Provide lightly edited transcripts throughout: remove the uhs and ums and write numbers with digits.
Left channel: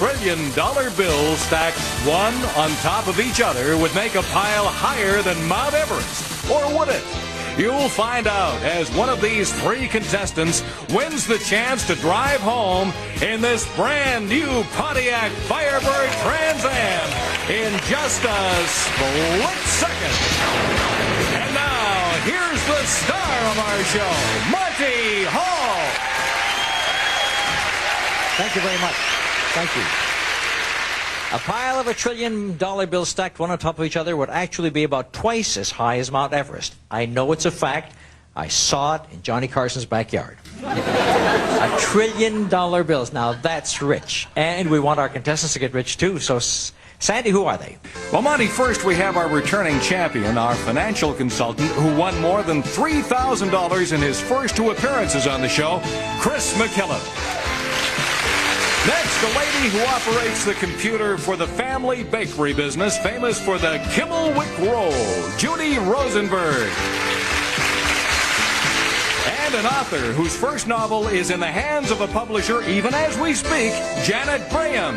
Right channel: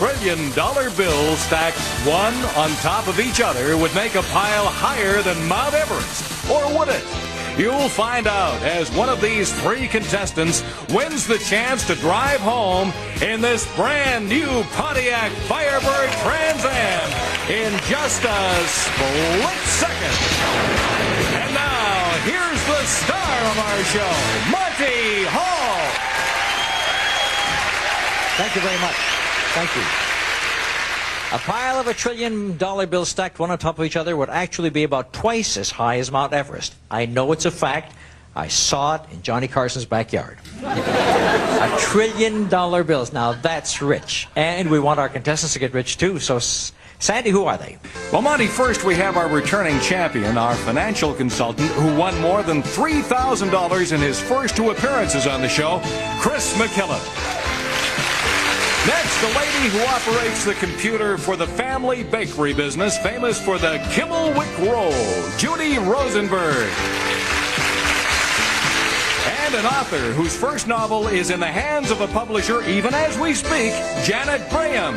trillion-dollar bills stacked one on top of each other would make a pile higher than Mount Everest? Or would it? You'll find out as one of these three contestants wins the chance to drive home in this brand new Pontiac Firebird Trans Am in just a split second. And now, here's the star of our show, Monty Hall. Thank you very much. Thank you. A pile of $1 trillion bills stacked one on top of each other would actually be about twice as high as Mount Everest. I know it's a fact. I saw it in Johnny Carson's backyard. $1 trillion bills. Now that's rich. And we want our contestants to get rich too. So, Sandy, who are they? Well, Monty, first we have our returning champion, our financial consultant, who won more than $3,000 in his first two appearances on the show, Chris McKillop. Next, the lady who operates the computer for the family bakery business, famous for the Kimmelwick Roll, Judy Rosenberg. And an author whose first novel is in the hands of a publisher, even as we speak, Janet Graham.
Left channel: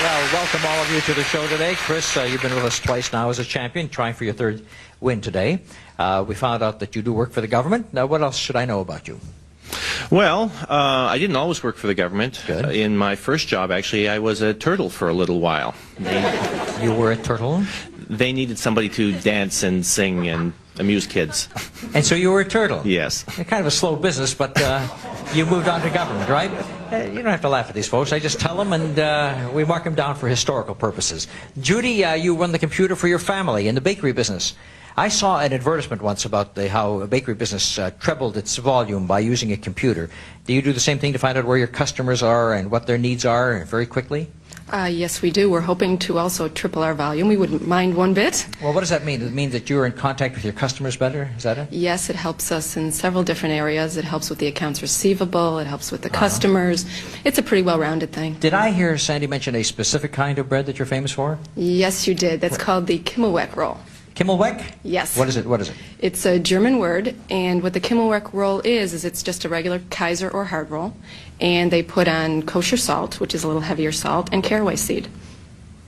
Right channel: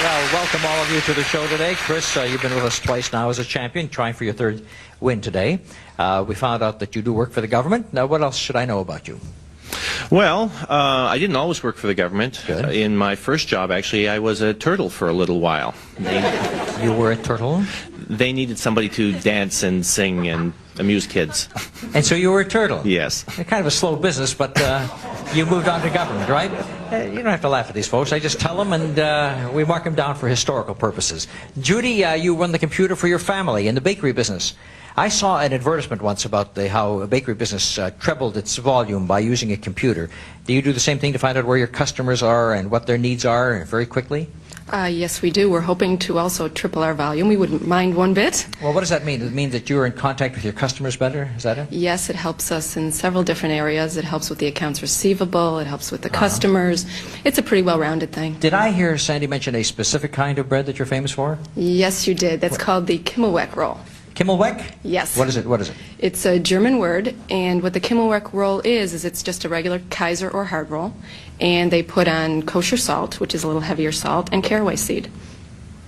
Well, welcome all of you to the show today. Chris, you've been with us twice now as a champion, trying for your third win today. We found out that you do work for the government. Now, what else should I know about you? Well, I didn't always work for the government. Good. In my first job, actually, I was a turtle for a little while. You were a turtle? They needed somebody to dance and sing and amuse kids. And so you were a turtle? Yes. Kind of a slow business, but you moved on to government, right? You don't have to laugh at these folks. I just tell them, and we mark them down for historical purposes. Judy, you run the computer for your family in the bakery business. I saw an advertisement once about how a bakery business trebled its volume by using a computer. Do you do the same thing to find out where your customers are and what their needs are very quickly? Yes, we do. We're hoping to also triple our volume. We wouldn't mind one bit. Well, what does that mean? Does it mean that you're in contact with your customers better? Is that it? Yes, it helps us in several different areas. It helps with the accounts receivable. It helps with the customers. It's a pretty well-rounded thing. Did I hear Sandy mention a specific kind of bread that you're famous for? Yes, you did. That's called the Kimmelwick roll. Kimmelwick? Yes. What is it? What is it? It's a German word, and what the Kimmelwick roll is it's just a regular Kaiser or hard roll, and they put on kosher salt, which is a little heavier salt, and caraway seed.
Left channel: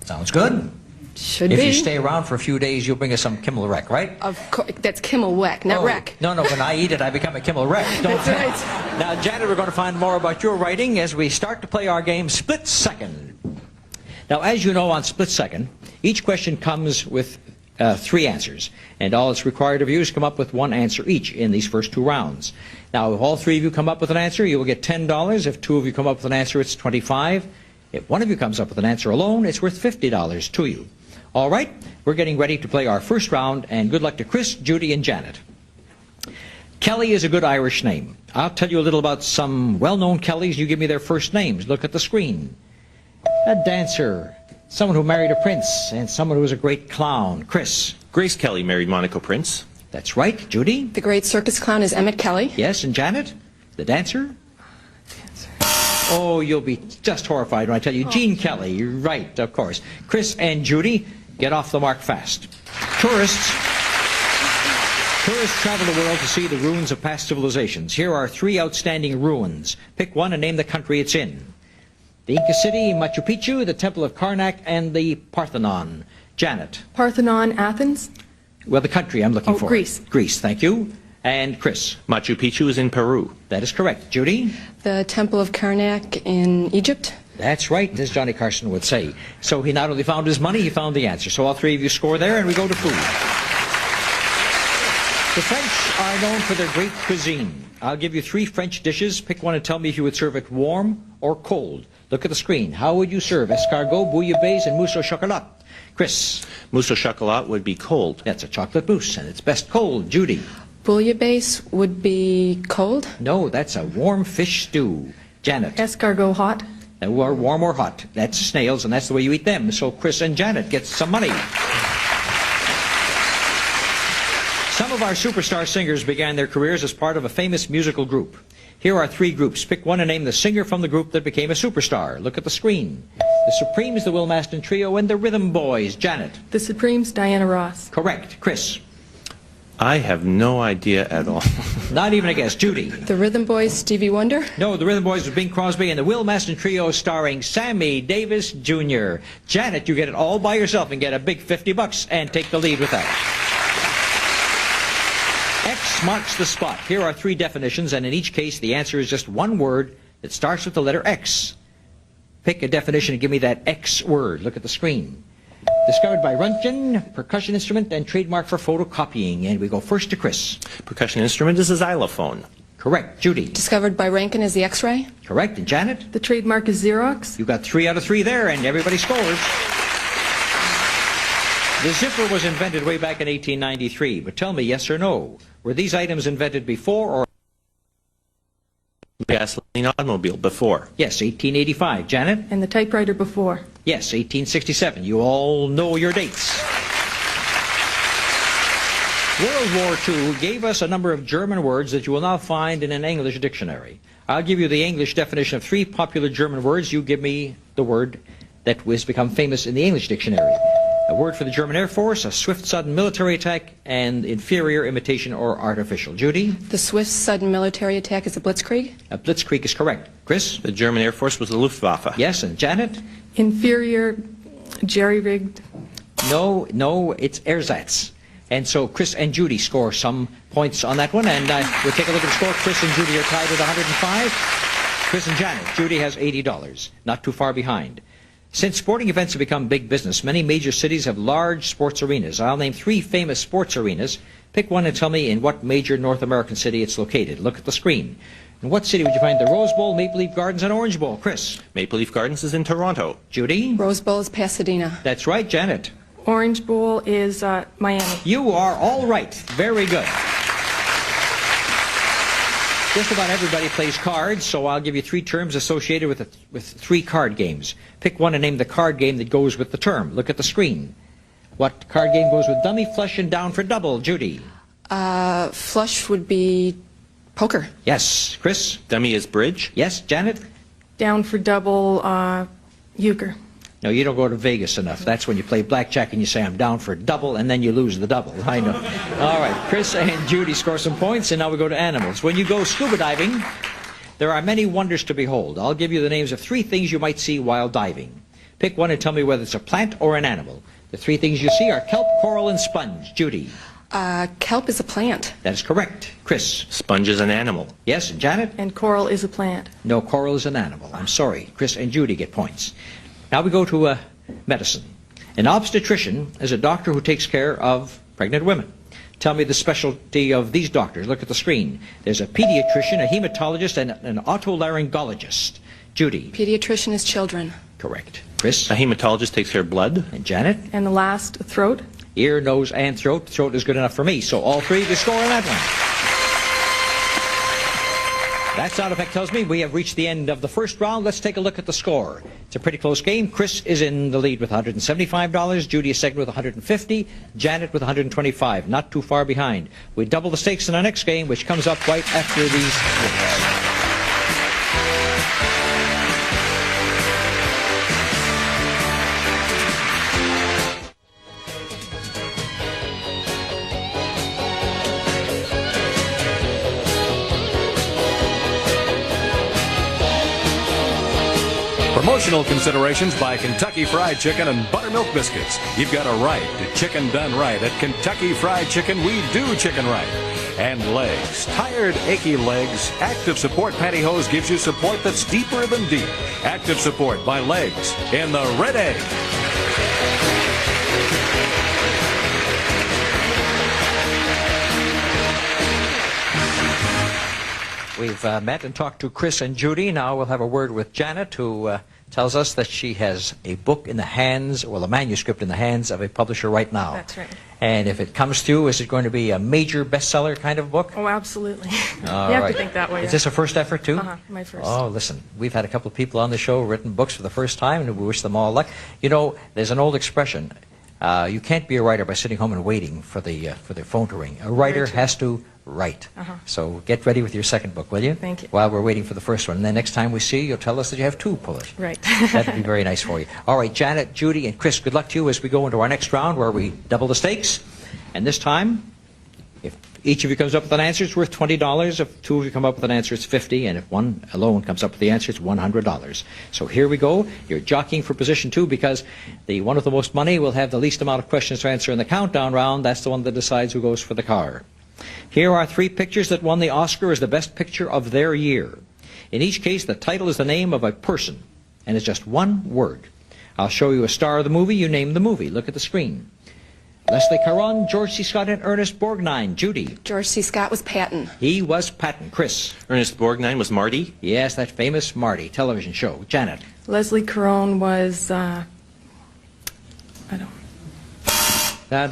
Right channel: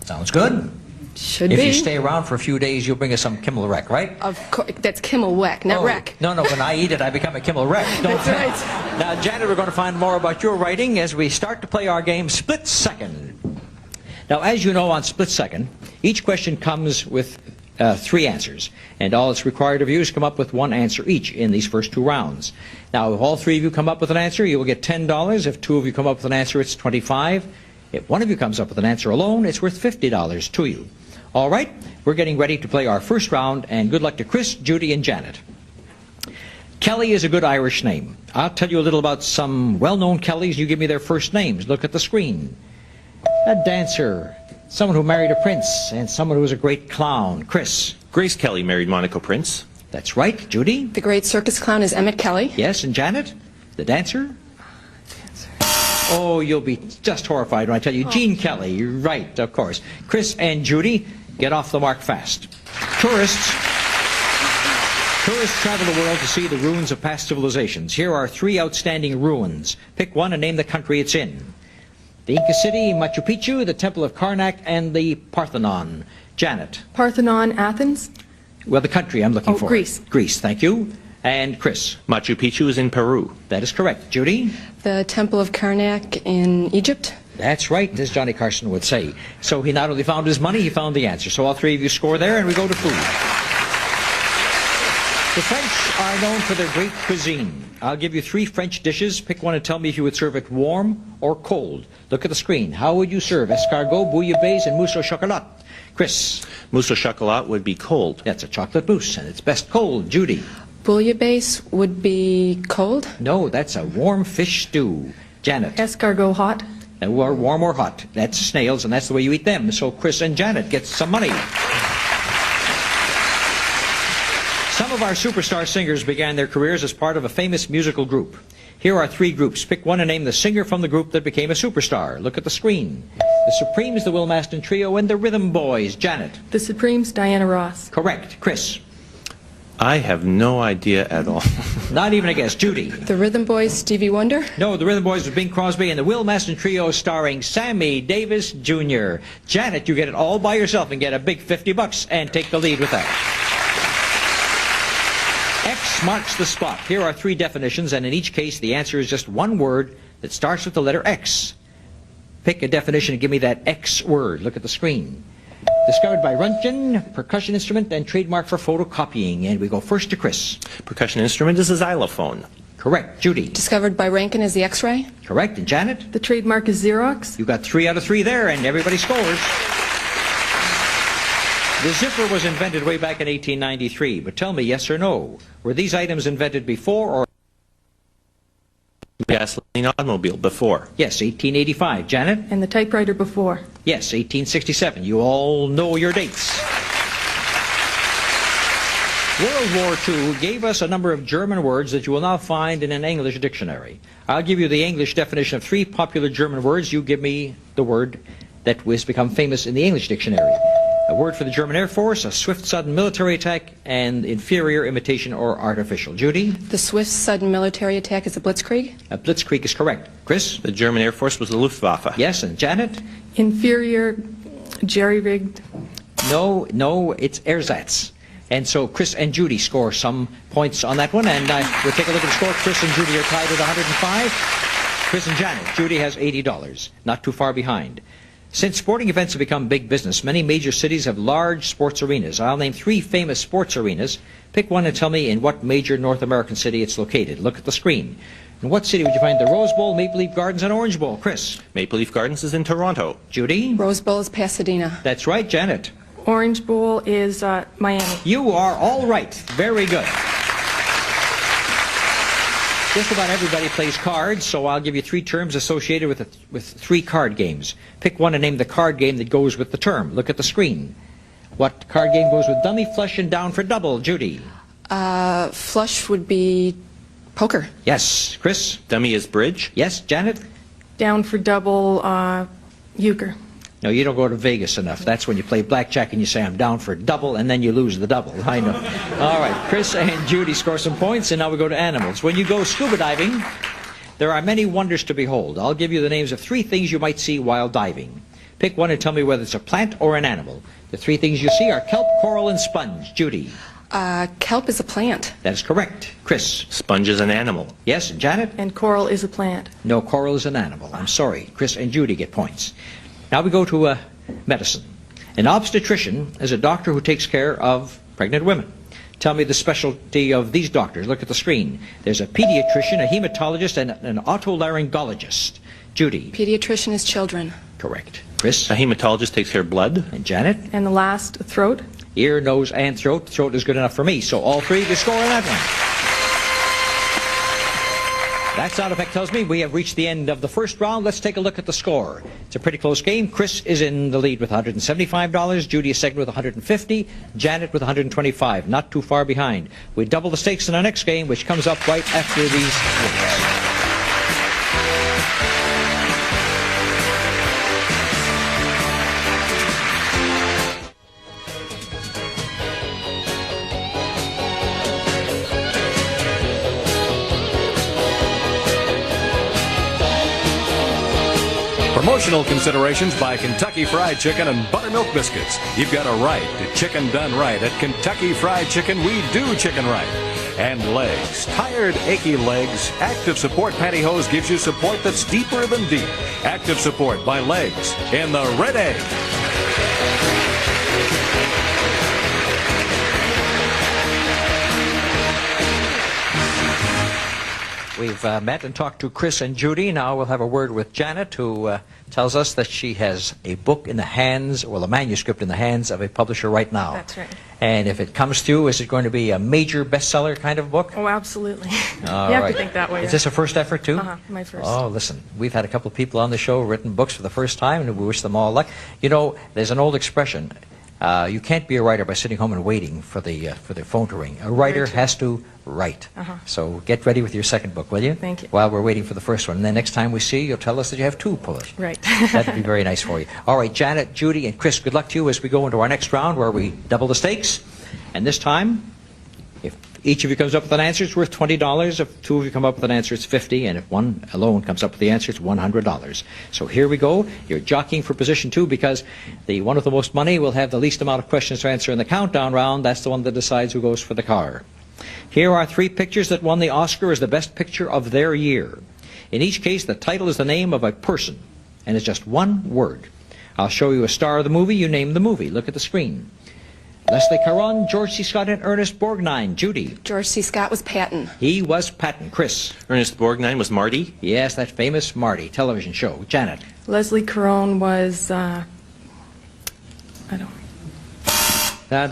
Sounds good. Should If be. you stay around for a few days, you'll bring us some Kimmelwick, right? Of course, that's Kimmelwick, not wreck. No, when I eat it, I become a Kimmelwick. That's right. Now, Janet, we're going to find more about your writing as we start to play our game, Split Second. Now, as you know, on Split Second, each question comes with 3 answers, and all it's required of you is come up with 1 answer each in these first 2 rounds. Now, if all 3 of you come up with an answer, you will get $10. If 2 of you come up with an answer, it's $25. If 1 of you comes up with an answer alone, it's worth $50 to you. All right, we're getting ready to play our first round, and good luck to Chris, Judy, and Janet. Kelly is a good Irish name. I'll tell you a little about some well-known Kellys. You give me their first names. Look at the screen. A dancer, someone who married a prince, and someone who was a great clown. Chris. Grace Kelly married Monaco Prince. That's right. Judy? The great circus clown is Emmett Kelly. Yes, and Janet? The dancer? Oh, you'll be just horrified when I tell you. Gene Kelly. You're right, of course. Chris and Judy, get off the mark fast. Tourists travel the world to see the ruins of past civilizations. Here are 3 outstanding ruins. Pick one and name the country it's in. The Inca City, Machu Picchu, the Temple of Karnak, and the Parthenon. Janet. Parthenon, Athens. Well, the country I'm looking for. Greece. Greece, thank you. And Chris. Machu Picchu is in Peru. That is correct. Judy? The Temple of Karnak in Egypt. That's right, as Johnny Carson would say. So he not only found his money, he found the answer. So all 3 of you score there, and we go to food. The French are known for their great cuisine. I'll give you 3 French dishes. Pick one and tell me if you would serve it warm or cold. Look at the screen. How would you serve escargot, bouillabaisse, and mousse au chocolat? Chris. Mousse au chocolat would be cold. That's a chocolate mousse, and it's best cold. Judy. Bouillabaisse would be cold. No, that's a warm fish stew. Janet. Escargot hot. Or warm or hot. That's snails, and that's the way you eat them. So Chris and Janet get some money. Some of our superstar singers began their careers as part of a famous musical group. Here are 3 groups. Pick one and name the singer from the group that became a superstar. Look at the screen. The Supremes, the Will Maston Trio, and the Rhythm Boys. Janet. The Supremes, Diana Ross. Correct. Chris. I have no idea at all. Not even a guess. Judy. The Rhythm Boys, Stevie Wonder. No, the Rhythm Boys with Bing Crosby and the Will Maston Trio starring Sammy Davis Jr. Janet, you get it all by yourself and get a big $50 and take the lead with that. X marks the spot. Here are 3 definitions, and in each case the answer is just one word that starts with the letter X. Pick a definition and give me that X word. Look at the screen. Discovered by Röntgen, percussion instrument and trademark for photocopying. And we go first to Chris. Percussion instrument is a xylophone. Correct. Judy. Discovered by Rankin as the X-ray. Correct. And Janet? The trademark is Xerox. You got 3 out of 3 there, and everybody scores. The zipper was invented way back in 1893, but tell me, yes or no, were these items invented before or... Gasoline automobile, before. Yes, 1885. Janet? And the typewriter before. Yes, 1867. You all know your dates. World War II gave us a number of German words that you will now find in an English dictionary. I'll give you the English definition of 3 popular German words. You give me the word that has become famous in the English dictionary. A word for the German Air Force, a swift, sudden military attack, and inferior, imitation, or artificial. Judy? The swift, sudden military attack is a blitzkrieg. A blitzkrieg is correct. Chris? The German Air Force was the Luftwaffe. Yes, and Janet? Inferior, jerry-rigged. No, it's ersatz. And so Chris and Judy score some points on that one, and we'll take a look at the score. Chris and Judy are tied with 105. Chris and Janet. Judy has $80, not too far behind. Since sporting events have become big business, many major cities have large sports arenas. I'll name 3 famous sports arenas. Pick one and tell me in what major North American city it's located. Look at the screen. In what city would you find the Rose Bowl, Maple Leaf Gardens, and Orange Bowl? Chris? Maple Leaf Gardens is in Toronto. Judy? Rose Bowl is Pasadena. That's right. Janet? Orange Bowl is Miami. You are all right. Very good. Just about everybody plays cards, so I'll give you 3 terms associated with 3 card games. Pick one and name the card game that goes with the term. Look at the screen. What card game goes with dummy, flush, and down for double? Judy? Flush would be poker. Yes. Chris? Dummy is bridge. Yes. Janet? Down for double, euchre. No, you don't go to Vegas enough. That's when you play blackjack and you say, I'm down for double, and then you lose the double. I know. All right, Chris and Judy score some points, and now we go to animals. When you go scuba diving, there are many wonders to behold. I'll give you the names of 3 things you might see while diving. Pick one and tell me whether it's a plant or an animal. The 3 things you see are kelp, coral, and sponge. Judy? Kelp is a plant. That is correct. Chris? Sponge is an animal. Yes, and Janet? And coral is a plant. No, coral is an animal. I'm sorry. Chris and Judy get points. Now we go to medicine. An obstetrician is a doctor who takes care of pregnant women. Tell me the specialty of these doctors. Look at the screen. There's a pediatrician, a hematologist, and an otolaryngologist. Judy? Pediatrician is children. Correct. Chris? A hematologist takes care of blood. And Janet? And the last, throat. Ear, nose, and throat. Throat is good enough for me, so all 3 to score on that one. That sound effect tells me we have reached the end of the first round. Let's take a look at the score. It's a pretty close game. Chris is in the lead with $175. Judy is second with $150. Janet with $125. Not too far behind. We double the stakes in our next game, which comes up right after these. Promotional considerations by Kentucky Fried Chicken and Buttermilk Biscuits. You've got a right to chicken done right. At Kentucky Fried Chicken, we do chicken right. And legs. Tired, achy legs. Active Support Pantyhose gives you support that's deeper than deep. Active Support by Legs in the Red Egg. We've met and talked to Chris and Judy. Now we'll have a word with Janet, who tells us that she has a book in the hands, well, a manuscript in the hands of a publisher right now. That's right. And if it comes through, is it going to be a major bestseller kind of book? Oh, absolutely. All you have right. to think that way. Is this a first effort, too? My first. Oh, listen, we've had a couple of people on the show written books for the first time, and we wish them all luck. You know, there's an old expression. You can't be a writer by sitting home and waiting for the phone to ring. A writer has to write. So get ready with your second book, will you? Thank you. While we're waiting for the first one. And then next time we see you, you'll tell us that you have 2 published. Right. That'd be very nice for you. All right, Janet, Judy, and Chris, good luck to you as we go into our next round where we double the stakes. And this time, if Each of you comes up with an answer, it's worth $20. If two of you come up with an answer, it's $50. And if one alone comes up with the answer, it's $100. So here we go. You're jockeying for position 2 because the one with the most money will have the least amount of questions to answer in the countdown round. That's the one that decides who goes for the car. Here are 3 pictures that won the Oscar as the best picture of their year. In each case, the title is the name of a person, and it's just one word. I'll show you a star of the movie. You name the movie. Look at the screen. Leslie Caron, George C. Scott, and Ernest Borgnine. Judy. George C. Scott was Patton. He was Patton. Chris. Ernest Borgnine was Marty. Yes, that famous Marty television show. Janet. Leslie Caron was, I don't What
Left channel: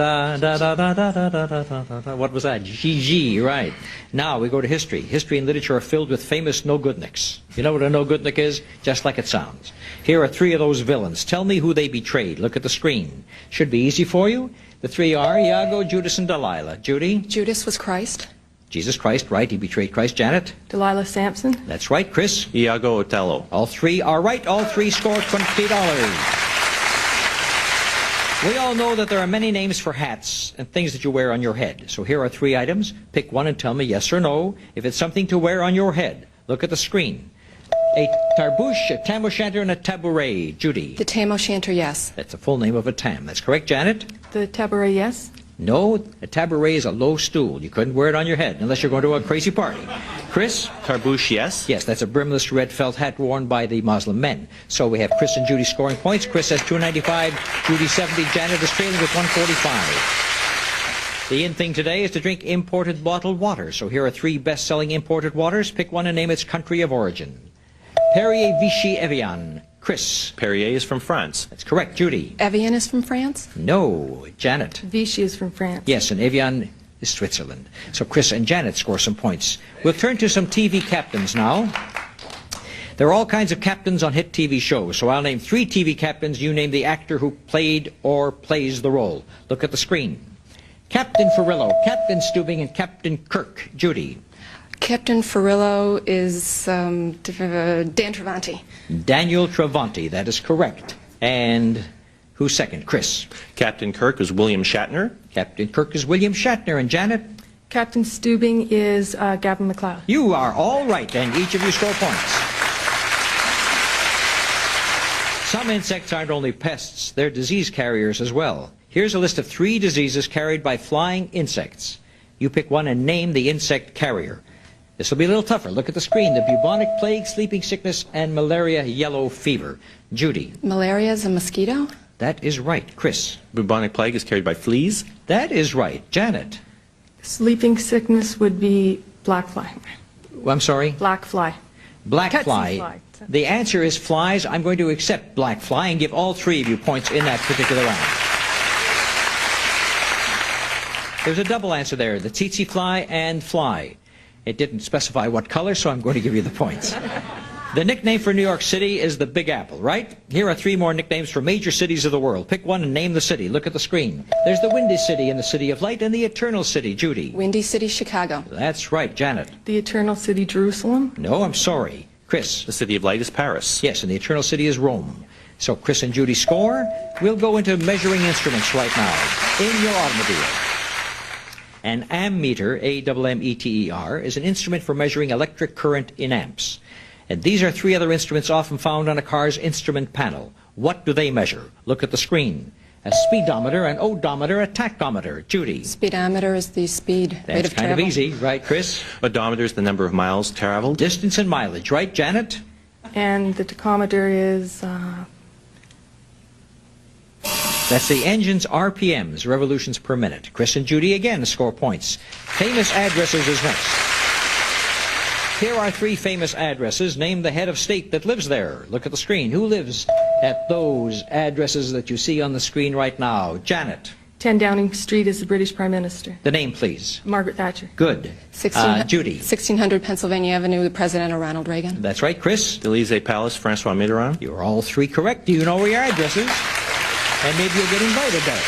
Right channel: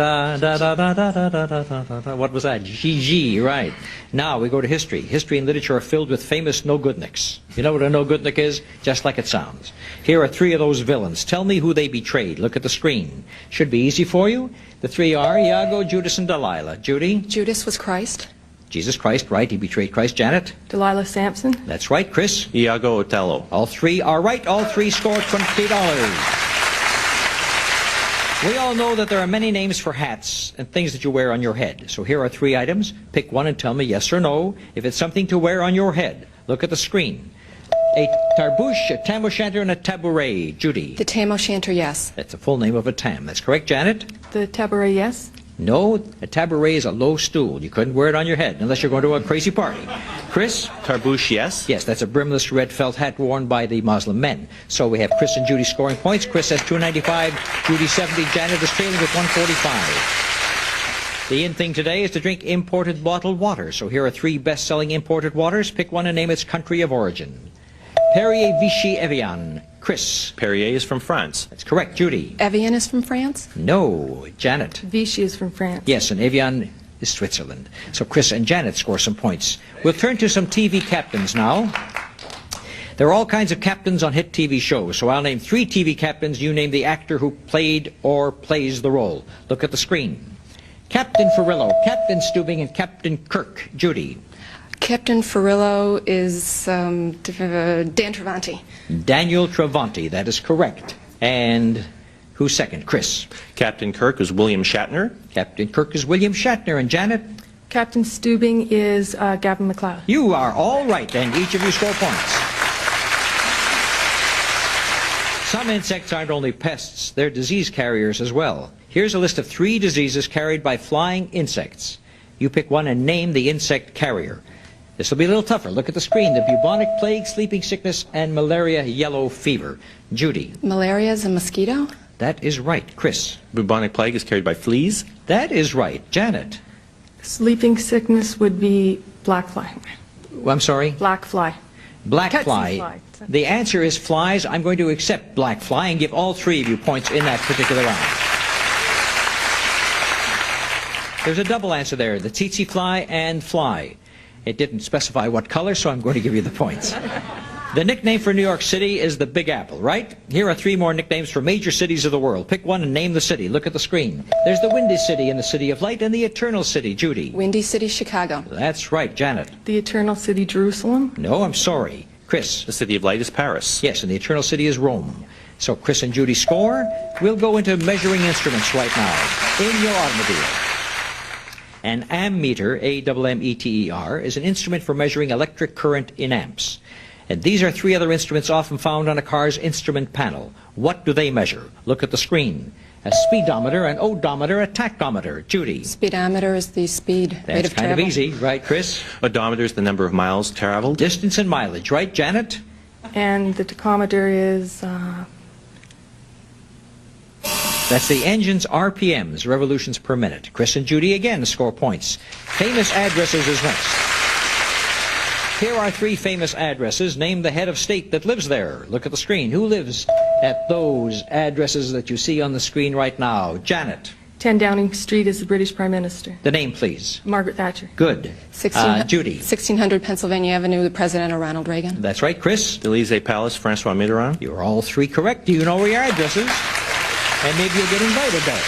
was that? Gigi, right. Now we go to history. History and literature are filled with famous no-goodniks. You know what a no-goodnik is? Just like it sounds. Here are 3 of those villains. Tell me who they betrayed. Look at the screen. Should be easy for you. The 3 are Iago, Judas, and Delilah. Judy? Judas was Christ. Jesus Christ, right. He betrayed Christ. Janet? Delilah Sampson. That's right. Chris? Iago Othello. All 3 are right. All 3 score $20. We all know that there are many names for hats and things that you wear on your head. So here are 3 items. Pick one and tell me yes or no if it's something to wear on your head. Look at the screen. A tarbouche, a tam o' shanter, and a tabouret. Judy. The tam o' shanter, yes. That's the full name of a tam. That's correct, Janet? The tabouret, yes. No, a tabouret is a low stool. You couldn't wear it on your head unless you're going to a crazy party. Chris? Tarbouche, yes. Yes, that's a brimless red felt hat worn by the Muslim men. So we have Chris and Judy scoring points. Chris has 295, Judy 70, Janet is trailing with 145. The in thing today is to drink imported bottled water. So here are 3 best-selling imported waters. Pick one and name its country of origin. Perrier, Vichy, Evian. Chris. Perrier is from France. That's correct. Judy. Evian is from France. No. Janet. Vichy is from France. Yes, and Evian is Switzerland. So Chris and Janet score some points. We'll turn to some TV captains now. There are all kinds of captains on hit TV shows, so I'll name 3 TV captains. You name the actor who played or plays the role. Look at the screen. Captain Farillo, Captain Stubing, and Captain Kirk. Judy. Captain Farillo is Dan Travanti. Daniel Travanti, that is correct. And who's second? Chris. Captain Kirk was William Shatner. Captain Kirk is William Shatner. And Janet? Captain Stubing is Gavin McLeod. You are all right, and each of you score points. Some insects aren't only pests, they're disease carriers as well. Here's a list of 3 diseases carried by flying insects. You pick one and name the insect carrier. This will be a little tougher. Look at the screen. The bubonic plague, sleeping sickness, and malaria yellow fever. Judy. Malaria is a mosquito. That is right. Chris. Bubonic plague is carried by fleas. That is right. Janet. Sleeping sickness would be black fly. I'm sorry? Black fly. Black Cats and fly. flies. The answer is flies. I'm going to accept black fly and give all 3 of you points in that particular round. There's a double answer there. The tsetse fly and fly. It didn't specify what color, so I'm going to give you the points. The nickname for New York City is the Big Apple, right? Here are 3 more nicknames for major cities of the world. Pick one and name the city. Look at the screen. There's the Windy City and the City of Light and the Eternal City. Judy. Windy City, Chicago. That's right. Janet. The Eternal City, Jerusalem. No, I'm sorry. Chris. The City of Light is Paris. Yes, and the Eternal City is Rome. So Chris and Judy score. We'll go into measuring instruments right now in your automobile. An ammeter, A-M-M-E-T-E-R, is an instrument for measuring electric current in amps. And these are 3 other instruments often found on a car's instrument panel. What do they measure? Look at the screen. A speedometer, an odometer, a tachometer. Judy. Speedometer is the speed rate That's of kind travel. of easy, right, Chris? Odometer is the number of miles traveled. Distance and mileage, right, Janet? And the tachometer is That's the engine's RPMs, revolutions per minute. Chris and Judy again score points. Famous addresses is next. Here are 3 famous addresses. Name the head of state that lives there. Look at the screen. Who lives at those addresses that you see on the screen right now? Janet. 10 Downing Street is the British Prime Minister. The name, please. Margaret Thatcher. Good. Judy. 1600 Pennsylvania Avenue, the President Ronald Reagan. That's right. Chris. The Elysee Palace, Francois Mitterrand. You're all 3 correct. Do you know where your address is? And maybe you'll get invited though.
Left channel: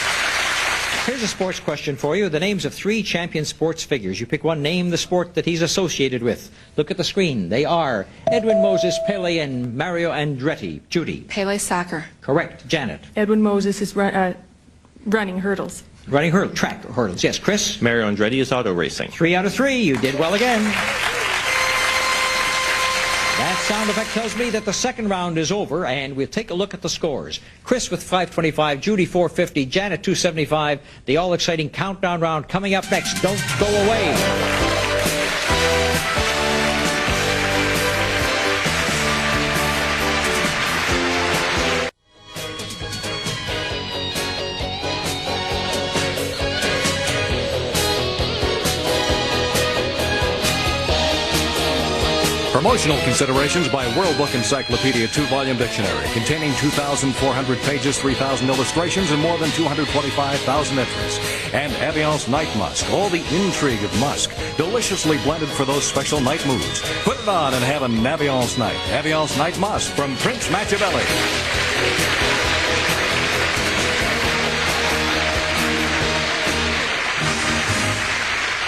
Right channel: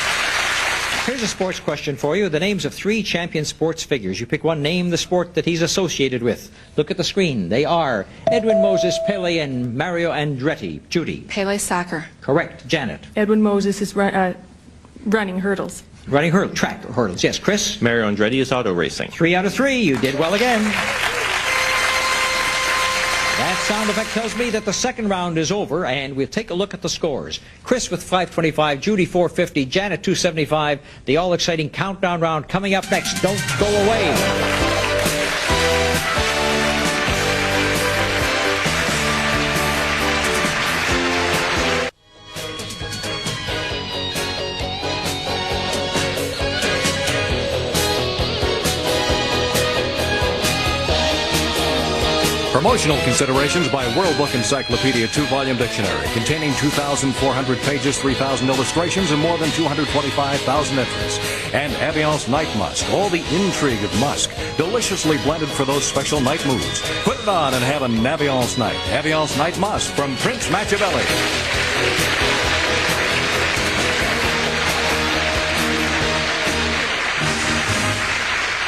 Here's a sports question for you. The names of 3 champion sports figures. You pick one, name the sport that he's associated with. Look at the screen. They are Edwin Moses, Pele, and Mario Andretti. Judy. Pele soccer. Correct. Janet. Edwin Moses is running hurdles. Running track hurdles. Yes, Chris? Mario Andretti is auto racing. 3 out of 3. You did well again. That sound effect tells me that the second round is over, and we'll take a look at the scores. Chris with 525, Judy 450, Janet 275. The all-exciting countdown round coming up next. Don't go away. Promotional considerations by World Book Encyclopedia 2-volume dictionary containing 2,400 pages, 3,000 illustrations, and more than 225,000 entries. And Aviance Night Musk, all the intrigue of musk, deliciously blended for those special night moods. Put it on and have an Aviance night. Aviance Night Musk from Prince Machiavelli.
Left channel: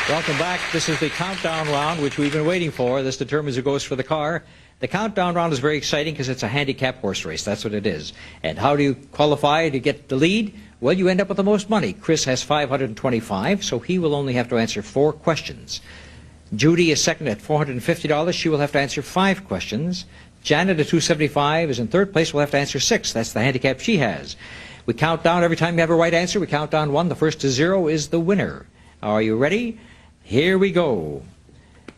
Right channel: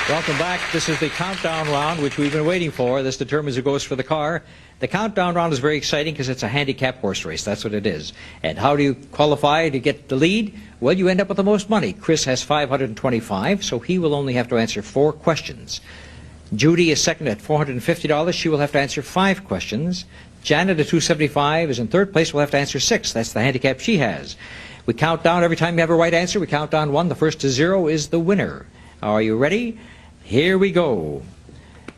Welcome back. This is the countdown round, which we've been waiting for. This determines who goes for the car. The countdown round is very exciting because it's a handicap horse race. That's what it is. And how do you qualify to get the lead? Well, you end up with the most money. Chris has 525, so he will only have to answer 4 questions. Judy is second at $450. She will have to answer 5 questions. Janet at 275 is in third place. Will have to answer 6. That's the handicap she has. We count down every time you have a right answer. We count down 1. The first to 0 is the winner. Are you ready? Here we go.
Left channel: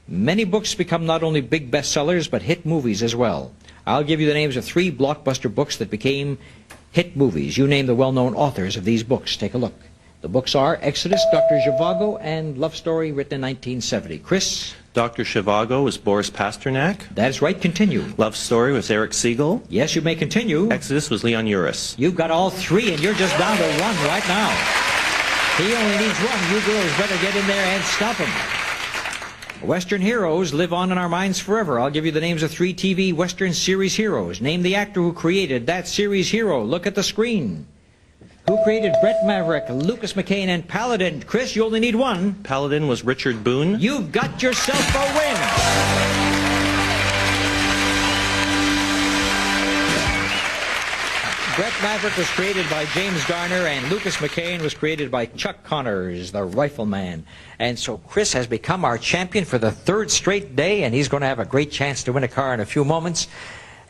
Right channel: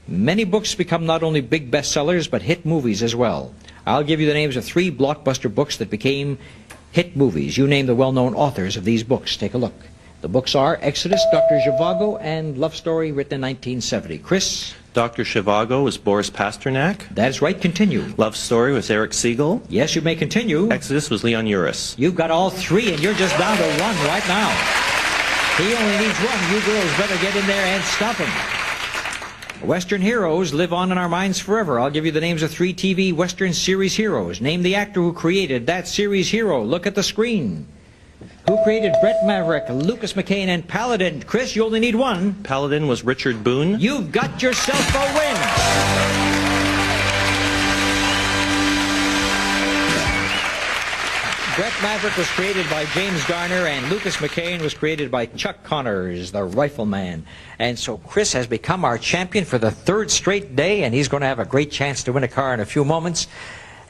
Many books become not only big bestsellers, but hit movies as well. I'll give you the names of 3 blockbuster books that became hit movies. You name the well-known authors of these books. Take a look. The books are Exodus, Dr. Zhivago, and Love Story, written in 1970. Chris? Dr. Zhivago was Boris Pasternak. That's right. Continue. Love Story was Eric Siegel. Yes, you may continue. Exodus was Leon Uris. You've got all 3, and you're just down to 1 right now. He only needs 1. You girls better get in there and stop him. Western heroes live on in our minds forever. I'll give you the names of 3 TV Western series heroes. Name the actor who created that series hero. Look at the screen. Who created Brett Maverick, Lucas McCain, and Paladin? Chris, you only need 1. Paladin was Richard Boone. You got yourself a win. Brett Maverick was created by James Garner, and Lucas McCain was created by Chuck Connors, the rifleman. And so Chris has become our champion for the 3rd straight day, and he's going to have a great chance to win a car in a few moments.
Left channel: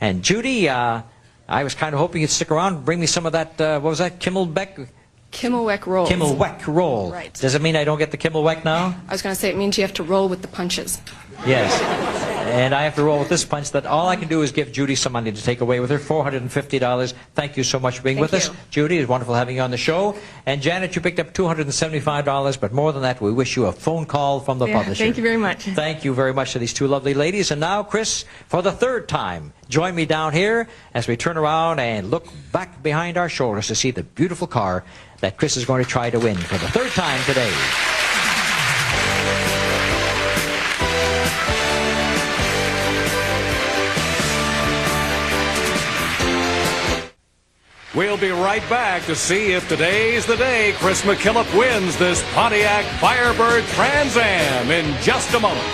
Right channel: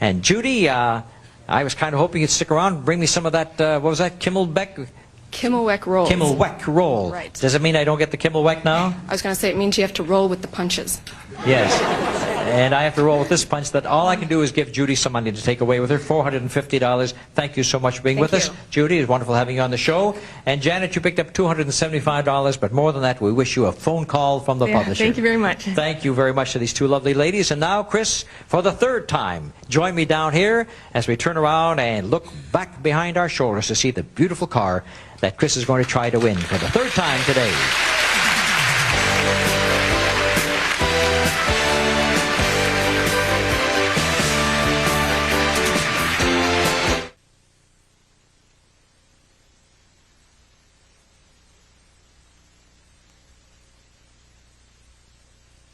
And Judy, I was kind of hoping you'd stick around and bring me some of that, what was that, Kimmelbeck? Kimmelweck rolls. Kimmelweck roll. Right. Does it mean I don't get the Kimmelweck now? I was going to say it means you have to roll with the punches. Yes. And I have to roll with this punch that all I can do is give Judy some money to take away with her, $450. Thank you so much for being with us. Judy, it's wonderful having you on the show. And Janet, you picked up $275, but more than that, we wish you a phone call from the publisher. Thank you very much. Thank you very much to these 2 lovely ladies. And now, Chris, for the 3rd time, join me down here as we turn around and look back behind our shoulders to see the beautiful car that Chris is going to try to win for the 3rd time today. We'll be right back to see if today's the day Chris McKillop wins this Pontiac Firebird Trans Am in just a moment.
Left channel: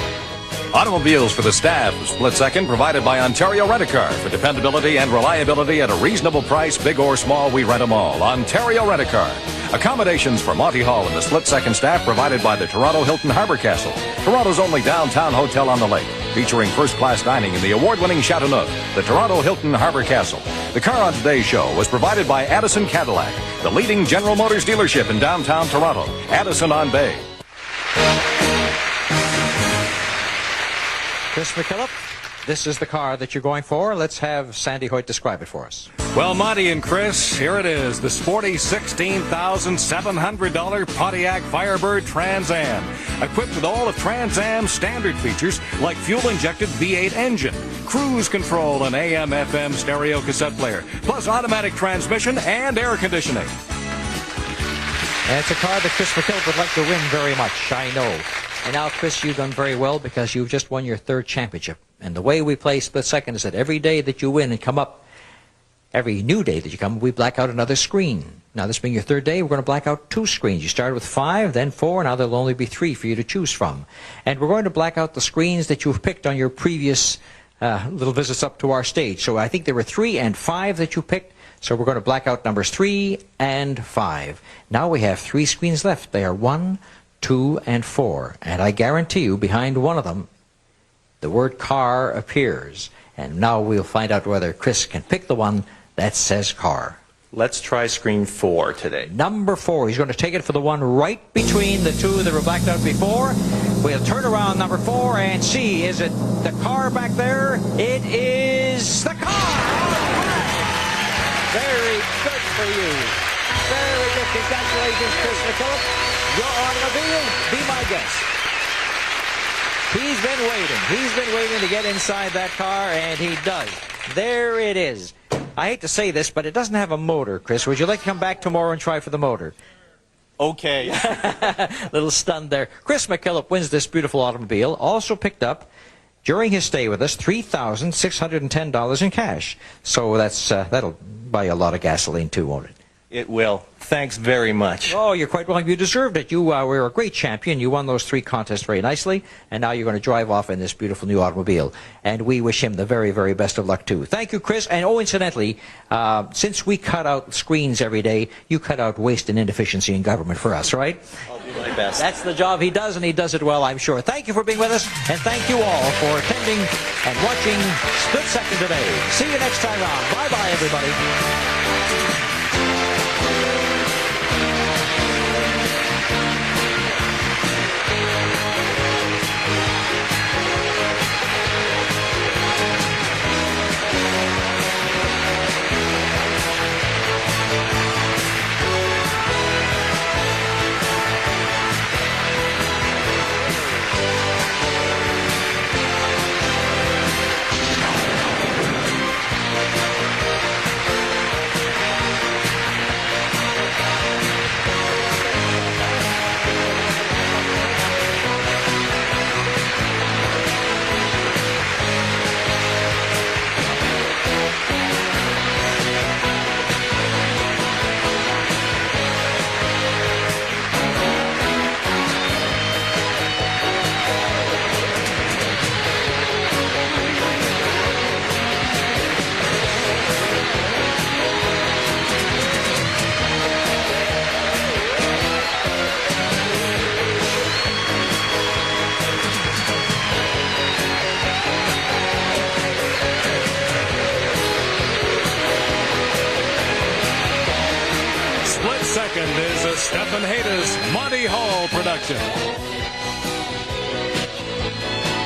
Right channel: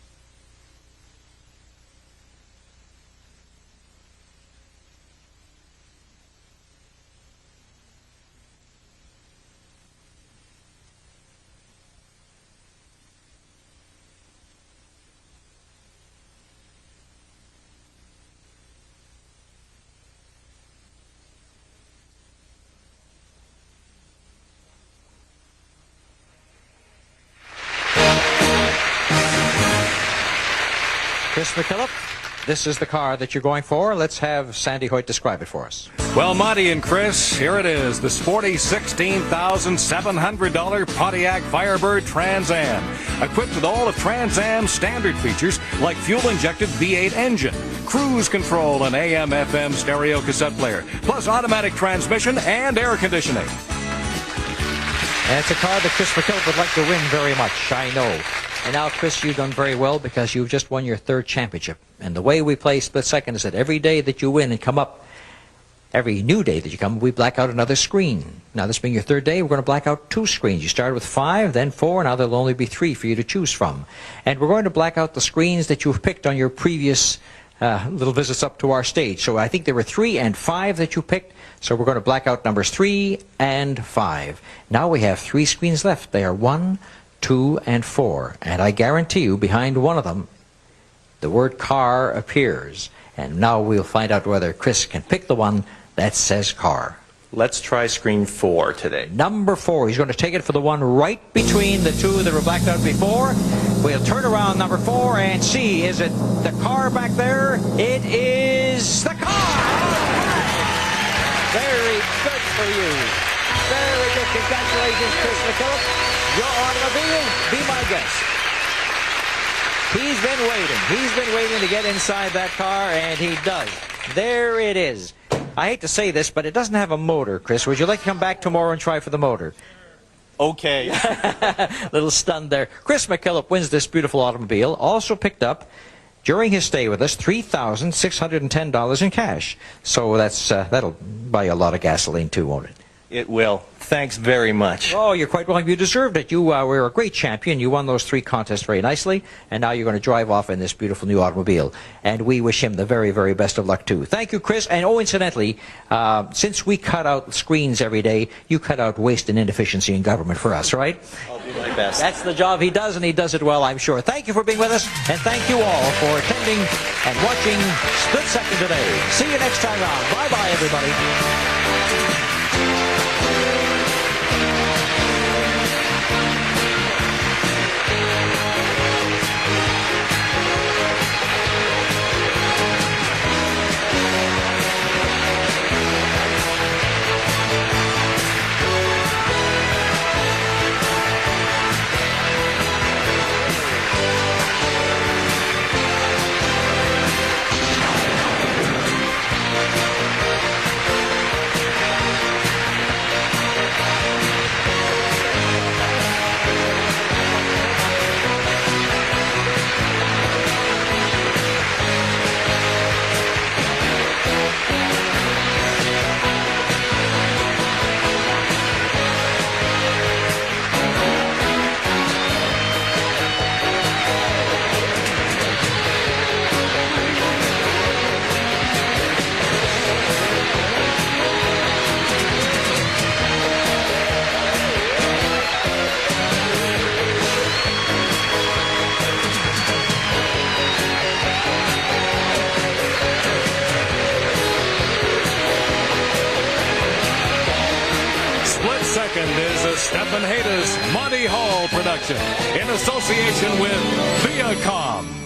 Automobiles for the staff of Split Second, provided by Ontario Rent-A-Car. For dependability and reliability at a reasonable price, big or small, we rent them all. Ontario Rent-A-Car. Accommodations for Monty Hall and the Split Second staff provided by the Toronto Hilton Harbor Castle, Toronto's only downtown hotel on the lake, featuring first-class dining in the award-winning Chateauneuf, the Toronto Hilton Harbor Castle. The car on today's show was provided by Addison Cadillac, the leading General Motors dealership in downtown Toronto. Addison on Bay. Chris McKillop, this is the car that you're going for. Let's have Sandy Hoyt describe it for us. Well, Monty and Chris, here it is, the sporty $16,700 Pontiac Firebird Trans Am, equipped with all of Trans Am's standard features like fuel-injected V8 engine, cruise control, and AM/FM stereo cassette player, plus automatic transmission and air conditioning. And it's a car that Chris McKillop would like to win very much, I know. And now, Chris, you've done very well because you've just won your 3rd championship. And the way we play Split Second is that every day that you win and come up, every new day that you come, we black out another screen. Now, this being your 3rd day, we're going to black out 2 screens. You started with 5, then 4, now there'll only be 3 for you to choose from. And we're going to black out the screens that you've picked on your previous little visits up to our stage. So I think there were 3 and 5 that you picked. So we're going to black out numbers 3 and 5. Now we have 3 screens left. They are 1, 2, and 4. And I guarantee you, behind one of them, the word car appears. And now we'll find out whether Chris can pick the one that says car. Let's try screen 4 today. Number 4. He's going to take it for the one right between the two that were blacked out before. We'll turn around number 4 and see, is it the car back there? It is the car! Very good for you. Very good. Congratulations, Chris McKillop. Your automobile, be my guest. He's been waiting. He's been waiting to get inside that car, and he does. There it is. I hate to say this, but it doesn't have a motor, Chris. Would you like to come back tomorrow and try for the motor? Okay. Little stunned there. Chris McKillop wins this beautiful automobile. Also picked up, during his stay with us, $3,610 in cash. So that'll buy you a lot of gasoline too, won't it? It will. Thanks very much. Oh, you're quite welcome. You deserved it. You were a great champion. You won those 3 contests very nicely, and now you're going to drive off in this beautiful new automobile. And we wish him the very, very best of luck, too. Thank you, Chris. And, incidentally, since we cut out screens every day, you cut out waste and inefficiency in government for us, right? I'll do my best. That's the job he does, and he does it well, I'm sure. Thank you for being with us, and thank you all for attending and watching Split Second today. See you next time around. Bye-bye, everybody. Second is a Stephen Haydas Monty Hall production in association with Viacom.